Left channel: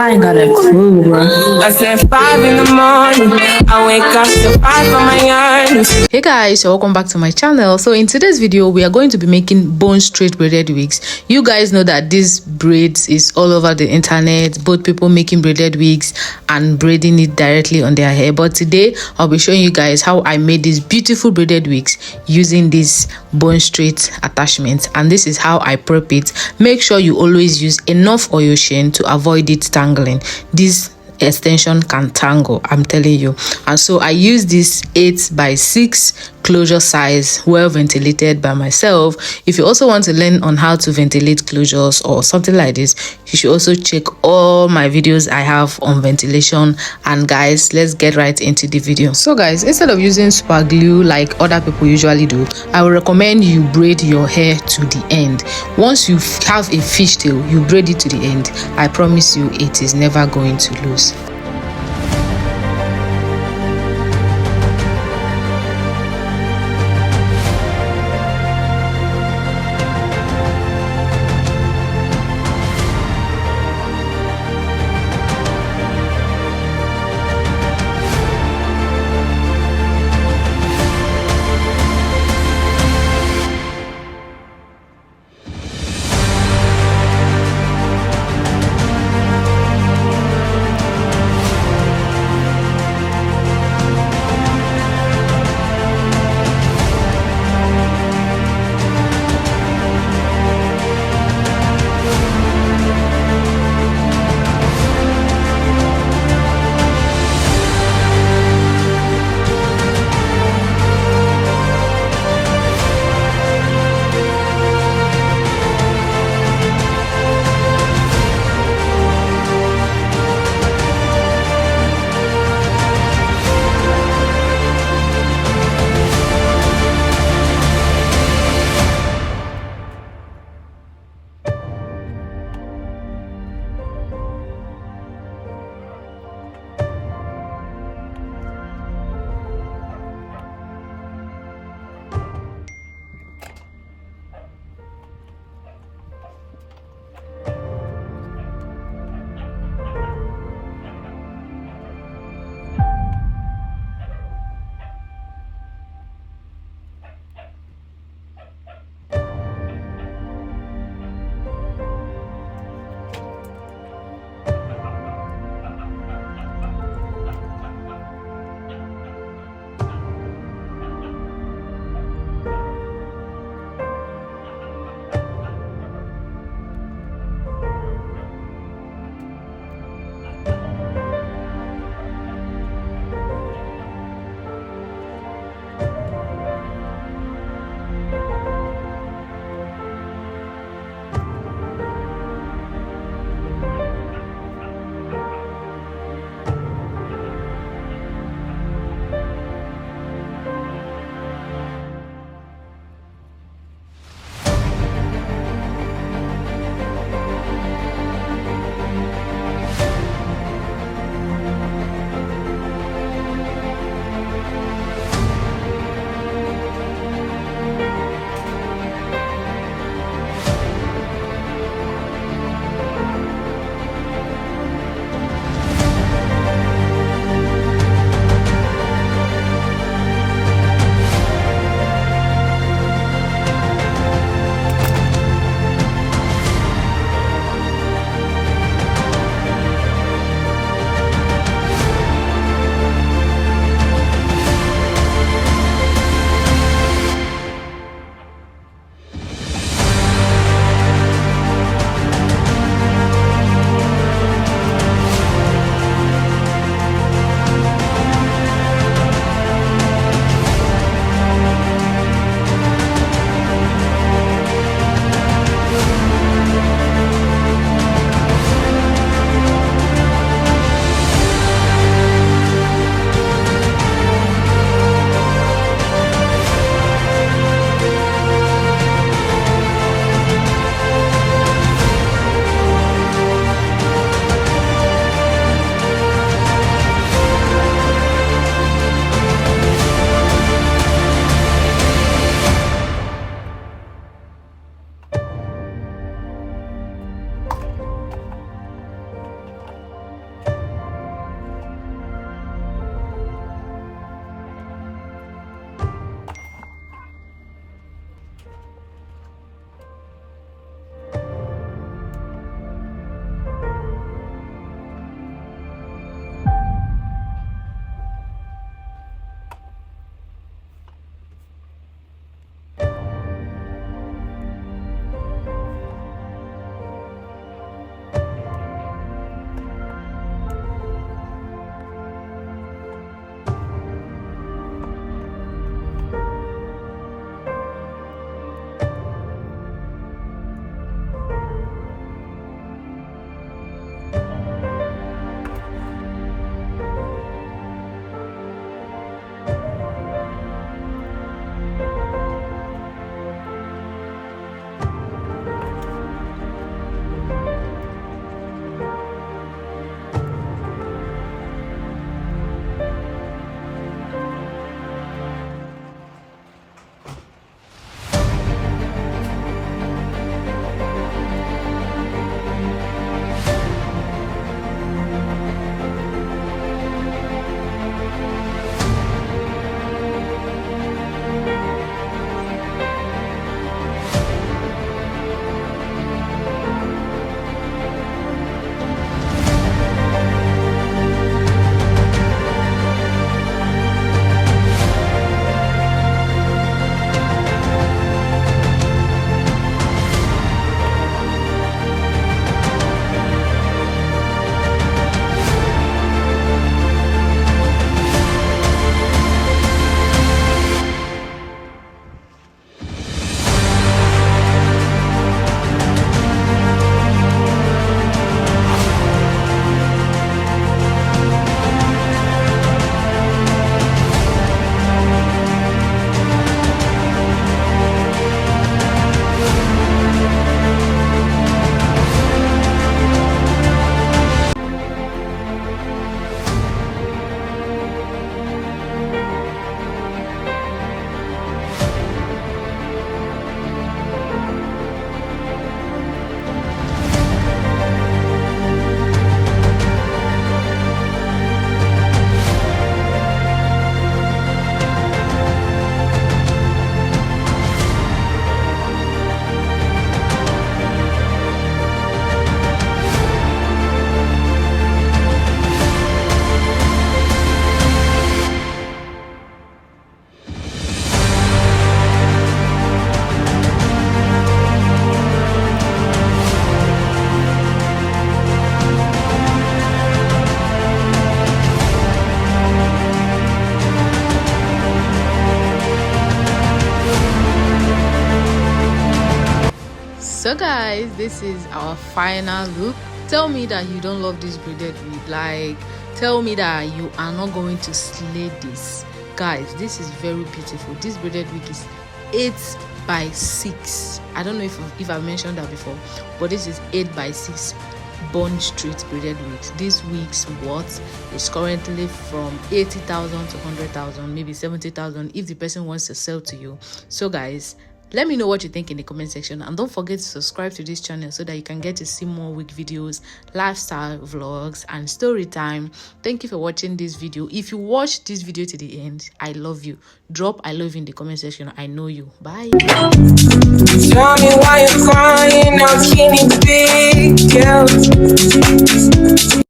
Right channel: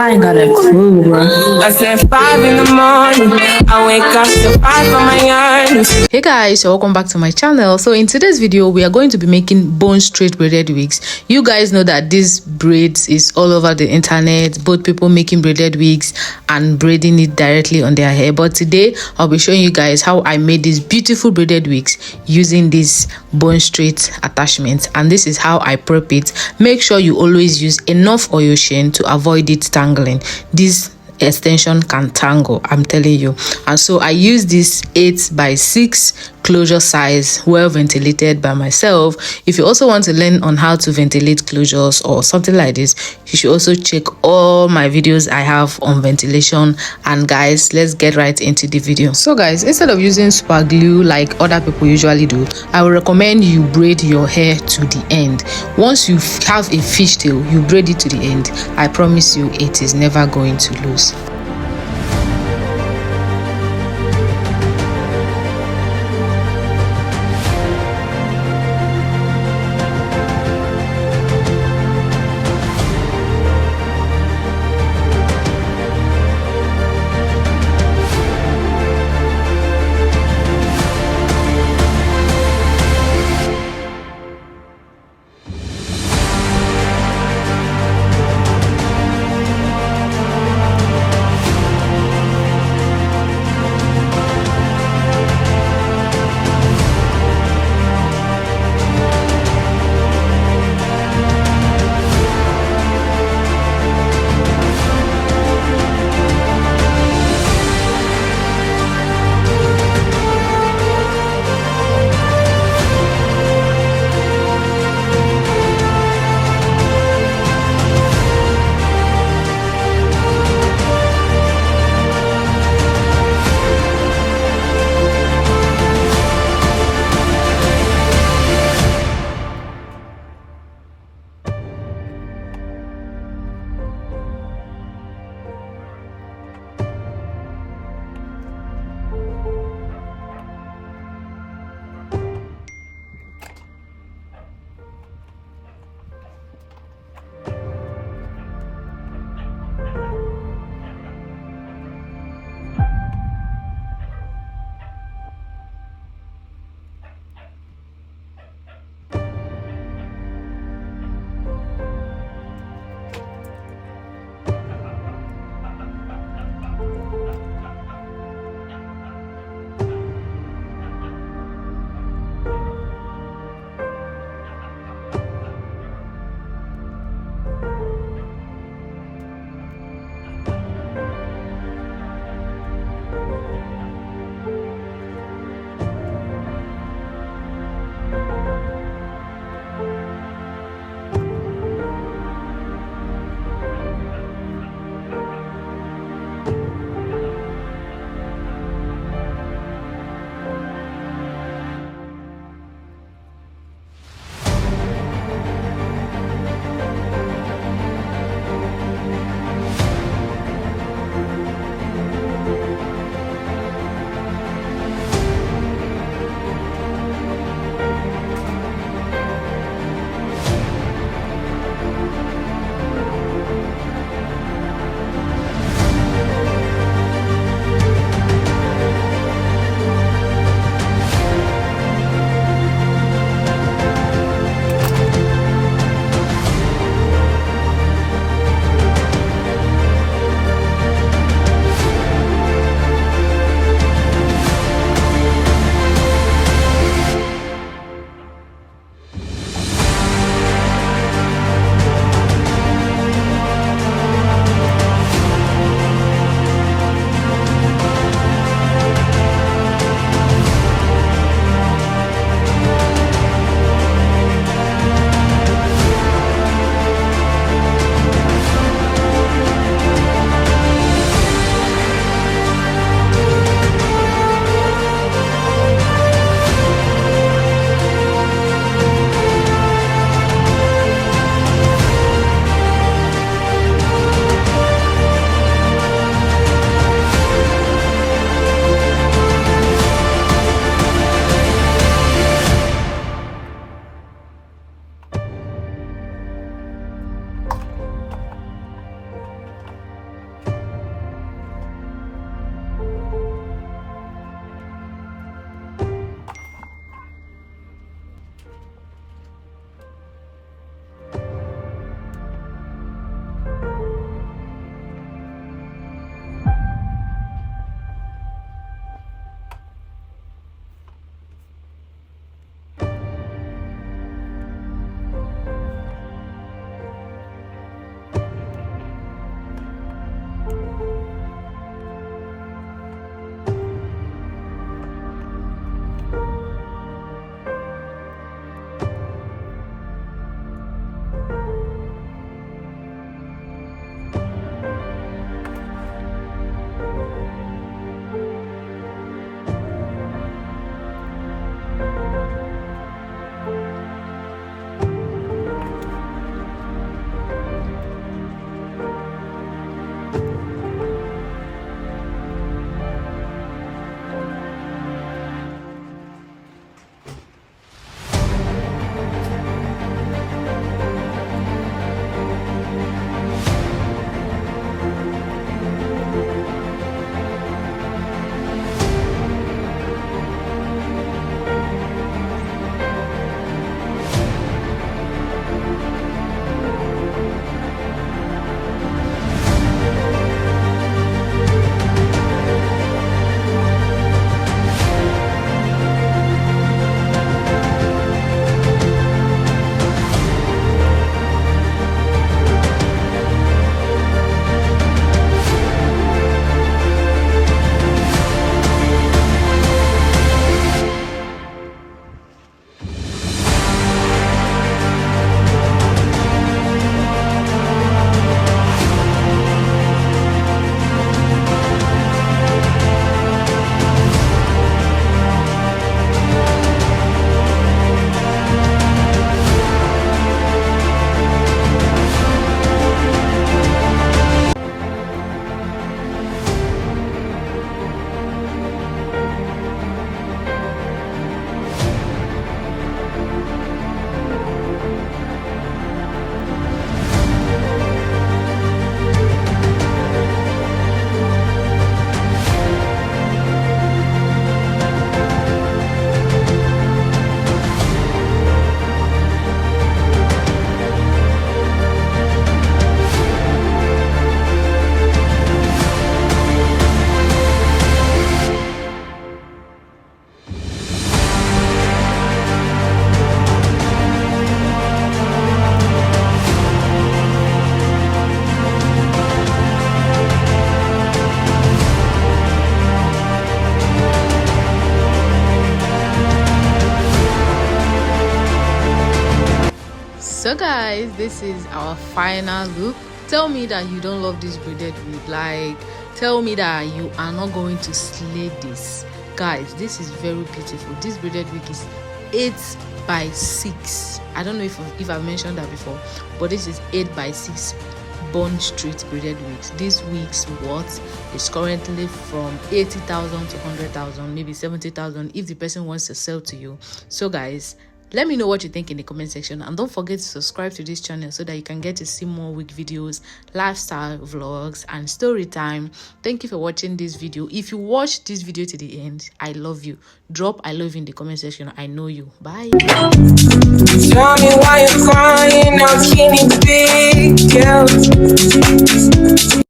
I ain't got a clue, bro. I said 5 in the morning. I wake up to 5 for my earnings. Hey guys, so welcome back to my channel. So in today's video we are going to be making bone straight braided wigs. You guys know that this braids is all over the internet, both people making braided wigs and braiding it directly on their hair. But today I'll be showing you guys how I made these beautiful braided wigs using this bone straight attachment, and this is how I prep it. Make sure you always use enough oil sheen to avoid it tangling. This extension can tangle, I'm telling you. And so I use this 8x6 closure size, well ventilated by myself. If you also want to learn on how to ventilate closures or something like this, you should also check all my videos I have on ventilation. And guys, let's get right into the video. So guys, instead of using super glue like other people usually do, I will recommend you braid your hair to the end. Once you have a fishtail, you braid it to the end. I promise you it is never going to lose. guys, this is our final look. Tell me that you don't love this braided wig. Like, tell me that you are not going to slay this. Guys, this is very beautiful. This braided wig is 8 by 6. I don't know if I've mentioned that before, but this is 8 by 6 Bonestraight braided wigs. This wig's worth is currently from 80,000 to 100,000, maybe 70,000 if the person wants to sell to you. So guys, let me know what you think in the comment section, and don't forget to subscribe to this channel so that you can get to see more wig videos, lifestyle vlogs, and story time. Thank you for watching this video. If you watched this video to the end, I love you. Drop I love you in the comment section. I know you. Bye. Tell me why you're crying, now can you big girl?